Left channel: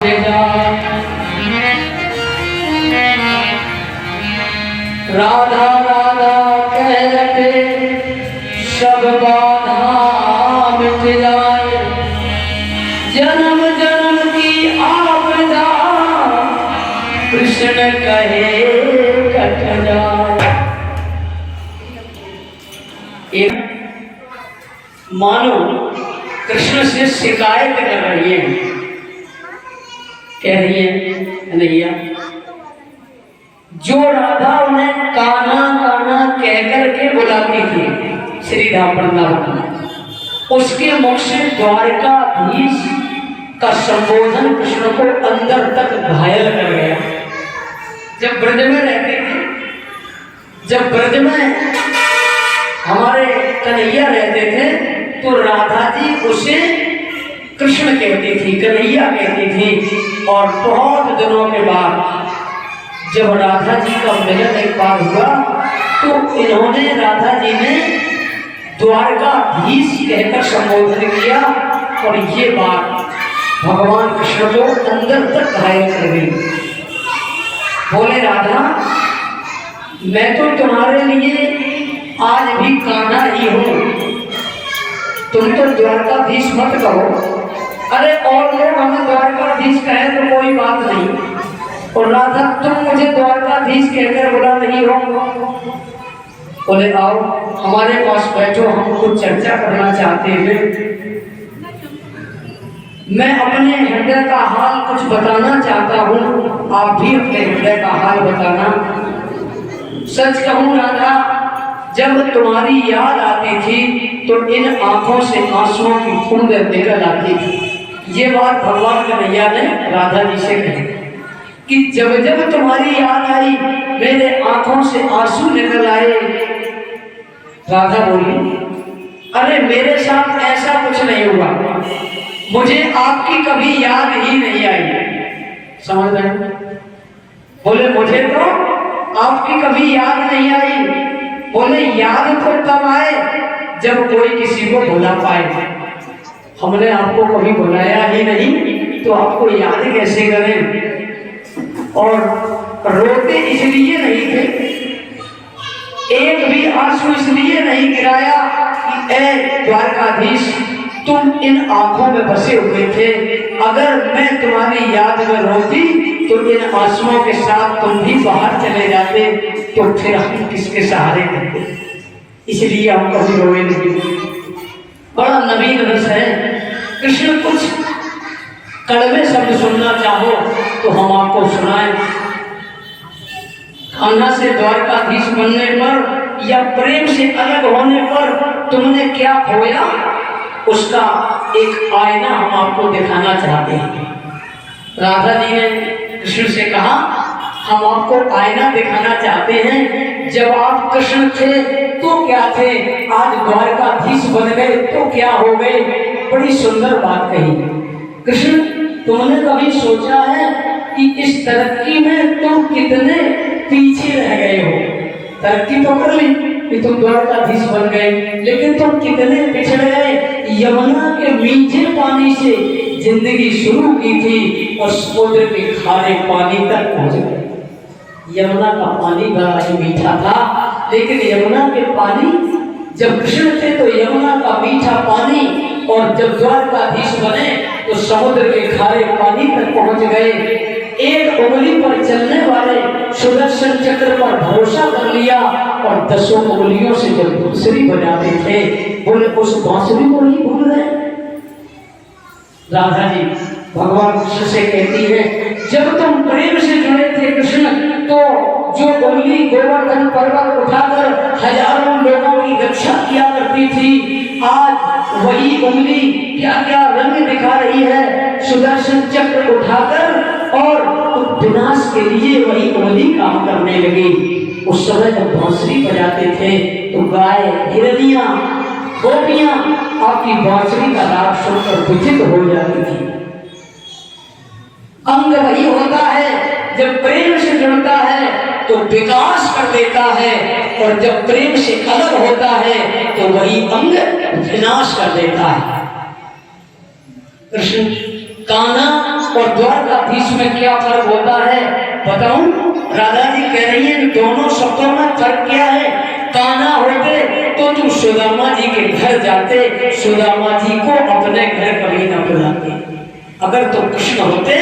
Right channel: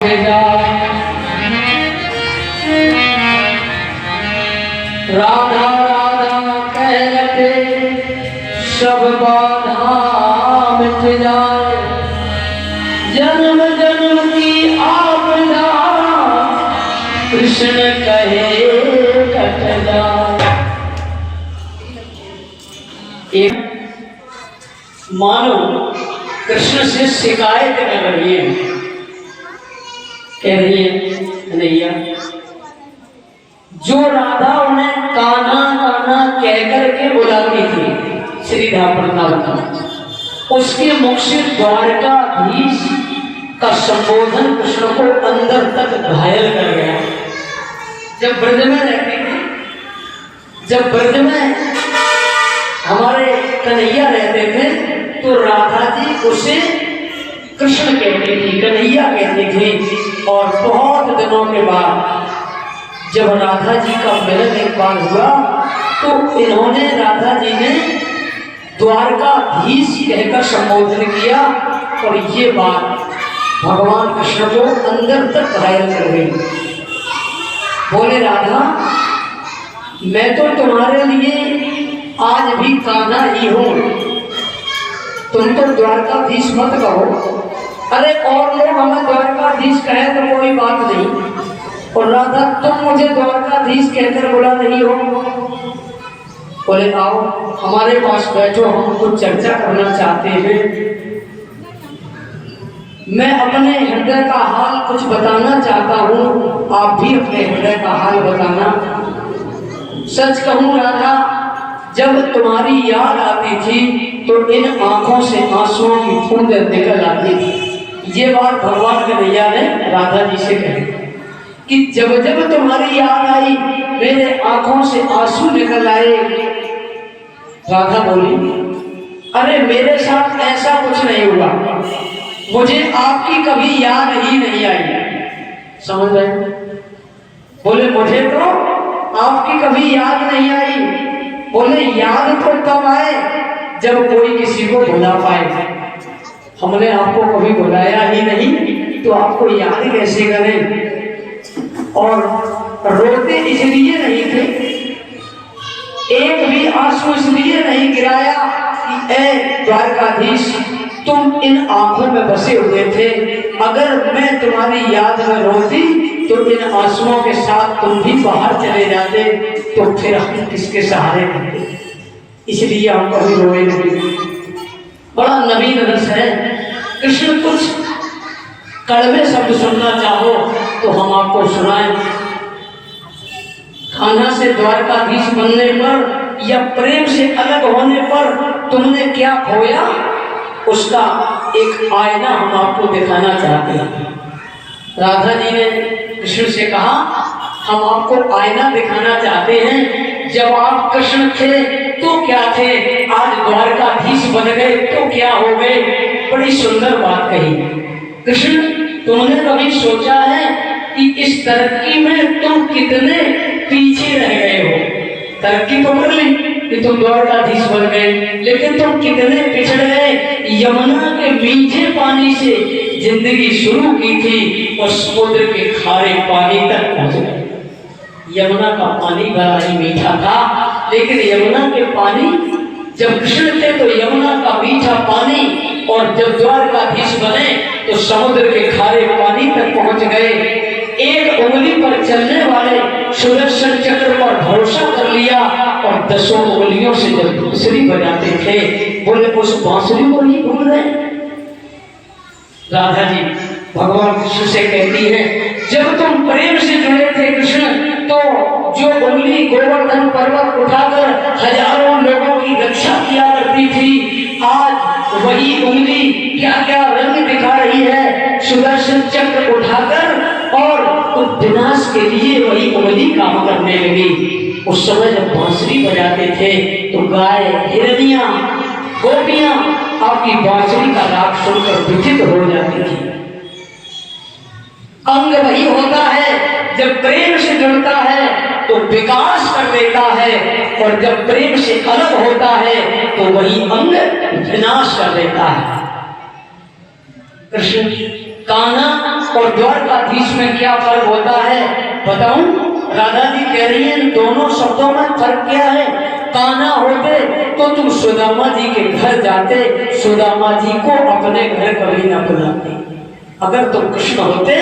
राधा राधा कहते सब बाधा मिट जाए, जन्म जन्म की आपदा कृष्ण कहे कट जाए। एक मानो कृष्ण से शिकायत कर रही है, कह रही है कन्हैया, जो राधा उन्हें कान्हा कान्हा कह करके बुलाती थी श्री वृंदावन, उसके मुख से द्वारकाधीश का संबोधन कृष्ण को अंदर तक घायल कर गया। जब ब्रज में रहते थे, जब ब्रज में हमारे कन्हैया रहते थे, तो राधा जी उसे कृष्ण कहती थी, कन्हैया कहती थी। और बहुत दिनों के बाद जब राधा जी का मिलन एक बार हुआ, तो इन्होंने राधा जी ने द्वारकाधीश कहकर संबोधन किया, और ये बात भगवान कृष्ण को अंदर तक घायल कर गई। बोले राधा, मैं तो तुम्हारे लिए आज भी कान्हा ही हूं, तुम तो द्वारकाधीश मत कहो। अरे और लोग हमें द्वारकाधीश कहे तो कोई बात नहीं, और राधा तुम मुझे द्वारकाधीश कहकर बुला नहीं हो। बोले आओ हमारे पास बैठो, हम कुछ चर्चा करना चाहते हैं। मैं अपने हृदय का हाल कुछ बताना चाहता हूँ, आप भी अपने हृदय का हाल बताना। सच कहूँ राधा, जब तुम्हारी याद आती थी तो इन आंखों से आंसुओं की बूंद निकल आती थी। ये बात भगवान कन्हैया ने राधा जी से कही कि जब जब तुम्हारी याद आई मेरे आंखों से आंसू निकल आए। राधा बोली, अरे मेरे साथ ऐसा कुछ नहीं हुआ, मुझे आपकी कभी याद ही नहीं आई। समझ रहे? बोले मुझे तो आपकी कभी याद नहीं आई। बोले याद तो तब आए जब कोई किसी को बुला पाए, हमने आपको कभी बुलाया ही नहीं, तो आपको याद कैसे करें। और रोते इसलिए नहीं थे, एक भी आंसू इसलिए नहीं गिराया कि ऐ द्वारकाधीश तुम इन आंखों में बसे हुए थे, अगर मैं तुम्हारी याद में रोती तो इन आंसुओं के साथ तुम भी बाहर चले जाते, तो फिर हम किसके सहारे होते। इसलिए हम कभी रोए नहीं। बड़ा नवीन रस है। कृष्ण कुछ कड़वे शब्द सुनना चाहो तो हम आपको सुनाएं। कान्हा से द्वारकाधीश बनने पर या प्रेम से अलग होने पर तुमने क्या खोया, उसका एक आईना हम आपको दिखाना चाहते हैं। राधा जी ने कृष्ण से कहा, हम आपको आईना दिखाना चाहते हैं। जब आप कृष्ण थे तो क्या थे, आज द्वारकाधीश बन गए तो क्या हो गए। बड़ी सुंदर बात कही। कृष्ण, तुमने कभी सोचा है कि इस तरक्की में तुम कितने पीछे रह गए हो। तरक्की तो कर ली कि तुम द्वारकाधीश बन गए, लेकिन तुम कितने पिछड़े हैं। यमुना के मीठे पानी से जिंदगी शुरू की थी और समुद्र के खारे पानी तक पहुंच गए। यमुना का पानी बड़ा ही मीठा था, लेकिन यमुना के पानी जब कृष्ण थे तो यमुना का मीठा पानी, और जब द्वारकाधीश बने तो समुद्र के खारे पानी तक पहुंच गए। एक उंगली पर चलने वाले सुदर्शन चक्र पर भरोसा कर लिया, और 10 उंगलियों से जब बांसुरी बजाते थे, बोले उस बांसुरी को नहीं भूल रहे। राधा जी भगवान कृष्ण से कहती है, जब तुम प्रेम से जुड़े थे कृष्ण, तो जो उंगली गोवर्धन पर्वत उठाकर हजारों लोगों की रक्षा किया करती थी, आज वही उंगली क्या क्या रंग दिखा रही है। सुदर्शन चक्र उठाकर और विनाश के लिए वही उंगली काम करने लगी। उस समय जब बांसुरी बजाते थे तो गाय, हिरनियां, गोपियां आपकी बांसुरी का राग सुनकर विचित्र हो जाती थी। अंग वही होता है जब प्रेम से जुड़ता है तो विकास कर देता है, और जब प्रेम से अलग होता है तो वही अंग विनाश कर देता है। कृष्ण कान्हा और द्वारकाधीश में क्या फर्क होता है बताऊं? राधा जी कह रही है इन दोनों शब्दों में फर्क क्या है? कान्हा होते तो तुम सुदामा जी के घर जाते, सुदामा जी को अपने घर कभी न बुलाते। अगर तुम कृष्ण होते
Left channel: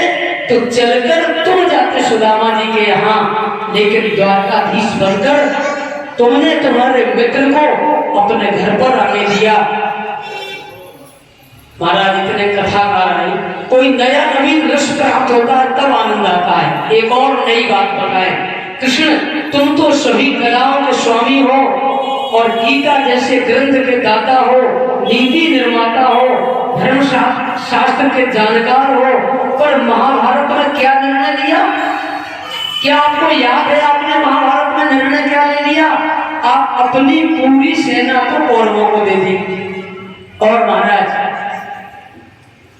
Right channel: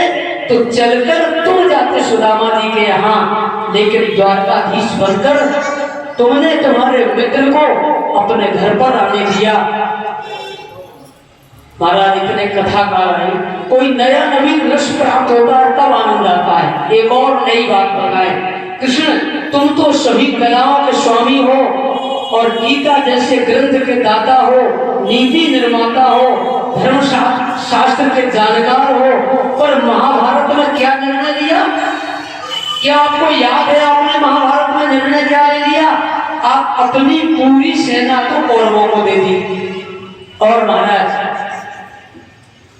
तो चलकर तुम जाते सुदामा जी के यहाँ, लेकिन द्वारकाधीश बनकर तुमने तुम्हारे मित्र को अपने घर पर आने दिया। महाराज इतने कथाकार हैं, कोई नया नवीन रस प्राप्त होता है तब आनंद आता है। एक और नई बात बताए, कृष्ण तुम तो सभी कलाओं के स्वामी हो और गीता जैसे ग्रंथ के दाता हो, नीति निर्माता हो, धर्म शास्त्र के जानकार हो, पर महाभारत में क्या निर्णय लिया? क्या आपको याद है आपने महाभारत में निर्णय क्या ले लिया? आप अपनी पूरी सेना तो कौरवों को दे दी और महाराज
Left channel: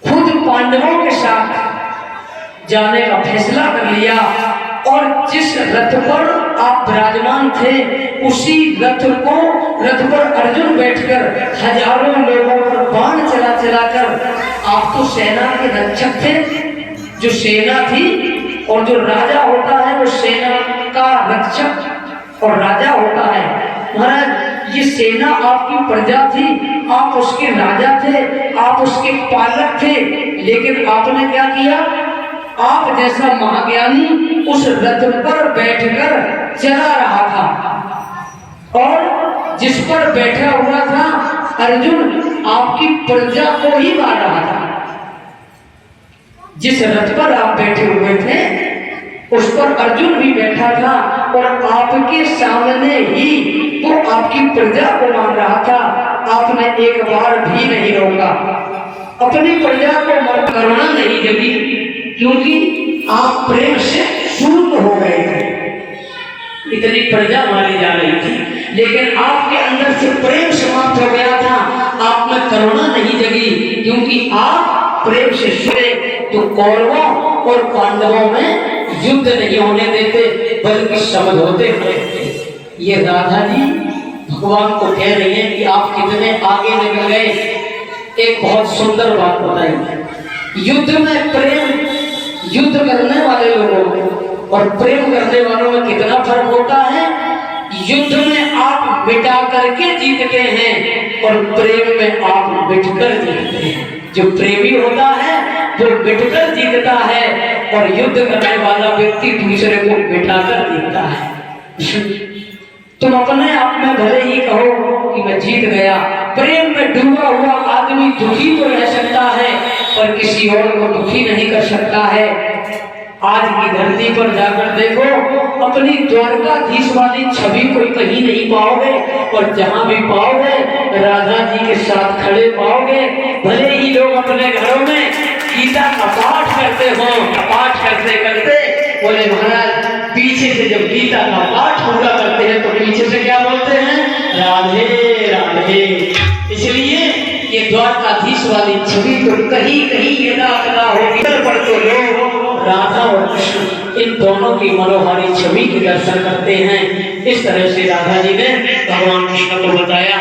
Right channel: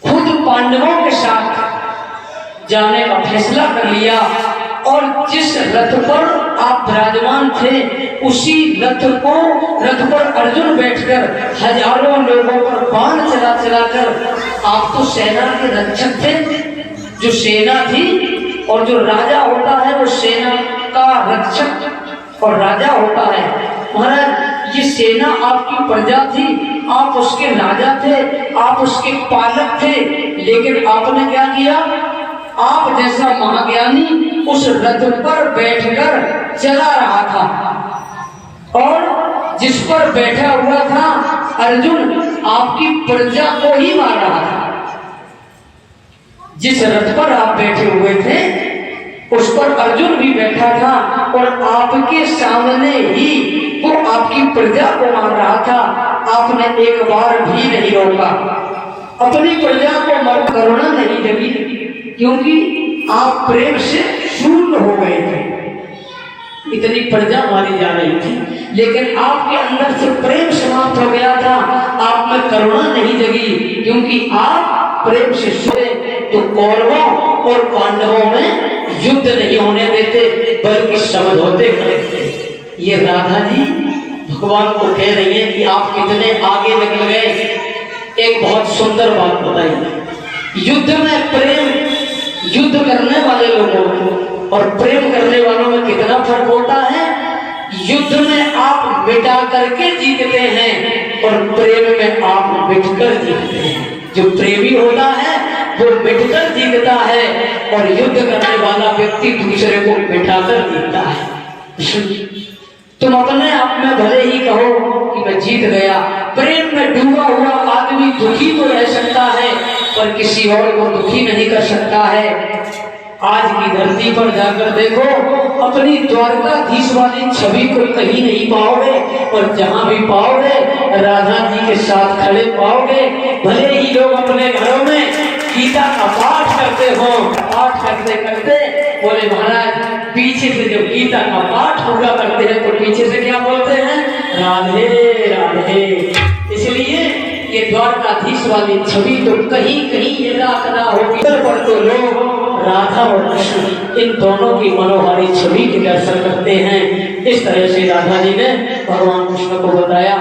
खुद पांडवों के साथ जाने का फैसला कर लिया और जिस रथ पर आप विराजमान थे उसी रथ पर अर्जुन बैठकर हजारों लोगों पर बाण चला चलाकर, आप तो सेना के रक्षक थे, जो सेना थी और जो राजा होता है वो सेना का रक्षक और राजा होता है। महाराज ये सेना आपकी प्रजा थी, आप उसके राजा थे, आप उसके पालक थे, लेकिन आपने क्या किया? आप जैसा महाज्ञानी उस रथ पर बैठकर चला रहा था और जिस पर बैठा हुआ था अर्जुन आपकी प्रजा को ही मार रहा था। जिस रथ पर आप बैठे हुए थे उस पर अर्जुन भी बैठा था और आपके सामने ही वो आपकी प्रजा को मार रहा था। आपने एक बार भी नहीं रोका, अपनी प्रजा को मर करुणा नहीं जगी, क्योंकि आप प्रेम से शून्य हो गए थे। इतनी प्रजा मारी जा रही थी, लेकिन आपके अंदर से प्रेम समाप्त हो गया था, आप में करुणा नहीं जगी, क्योंकि आप प्रेम से शुरे तो कौरवों और पांडवों में युद्ध नहीं होने देते बल्कि समझौते करते। ये राधा जी भगवान को कह रही है कि आप कितने आगे निकल गए। एक बहुत सुंदर बात बताई, युद्ध में प्रेम, युद्ध करने वाले लोगों और प्रेम करने वालों में कितना फर्क होता है। युद्ध में आप मिटा करके जीतते हैं और प्रेम में आप मिटकर जीतते हैं। जो प्रेमी होता है वो मिटकर जीतता है और युद्ध करने वाला व्यक्ति दूसरे को मिटाकर जीतता है। तुम अपने आप में भले ही कहो कि मैं जीत गया, प्रेम में डूबा हुआ आदमी दुखी तो रह सकता है पर किसी और को दुखी नहीं कर सकता है। आज की धरती पर जाकर देखो, अपनी द्वारकाधीश वाली छवि को कहीं नहीं पाओगे और जहां भी पाओगे राधा जी के साथ खड़े पाओगे। भले ही लोग अपने घरों में गीता का पाठ करते हो, पाठ करते करते बोले महाराज पीछे से जब गीता का पाठ पूरा करते हैं तो पीछे से क्या बोलते हैं? राधे राधे। इसलिए ये द्वारकाधीश वाली छवि तो कहीं कहीं एकाग्रता होगी, पर तो लोग राधा और कृष्ण इन दोनों की मनोहारी छवि के दर्शन करते हैं। इस तरह से राधा जी ने भगवान कृष्ण को बताया।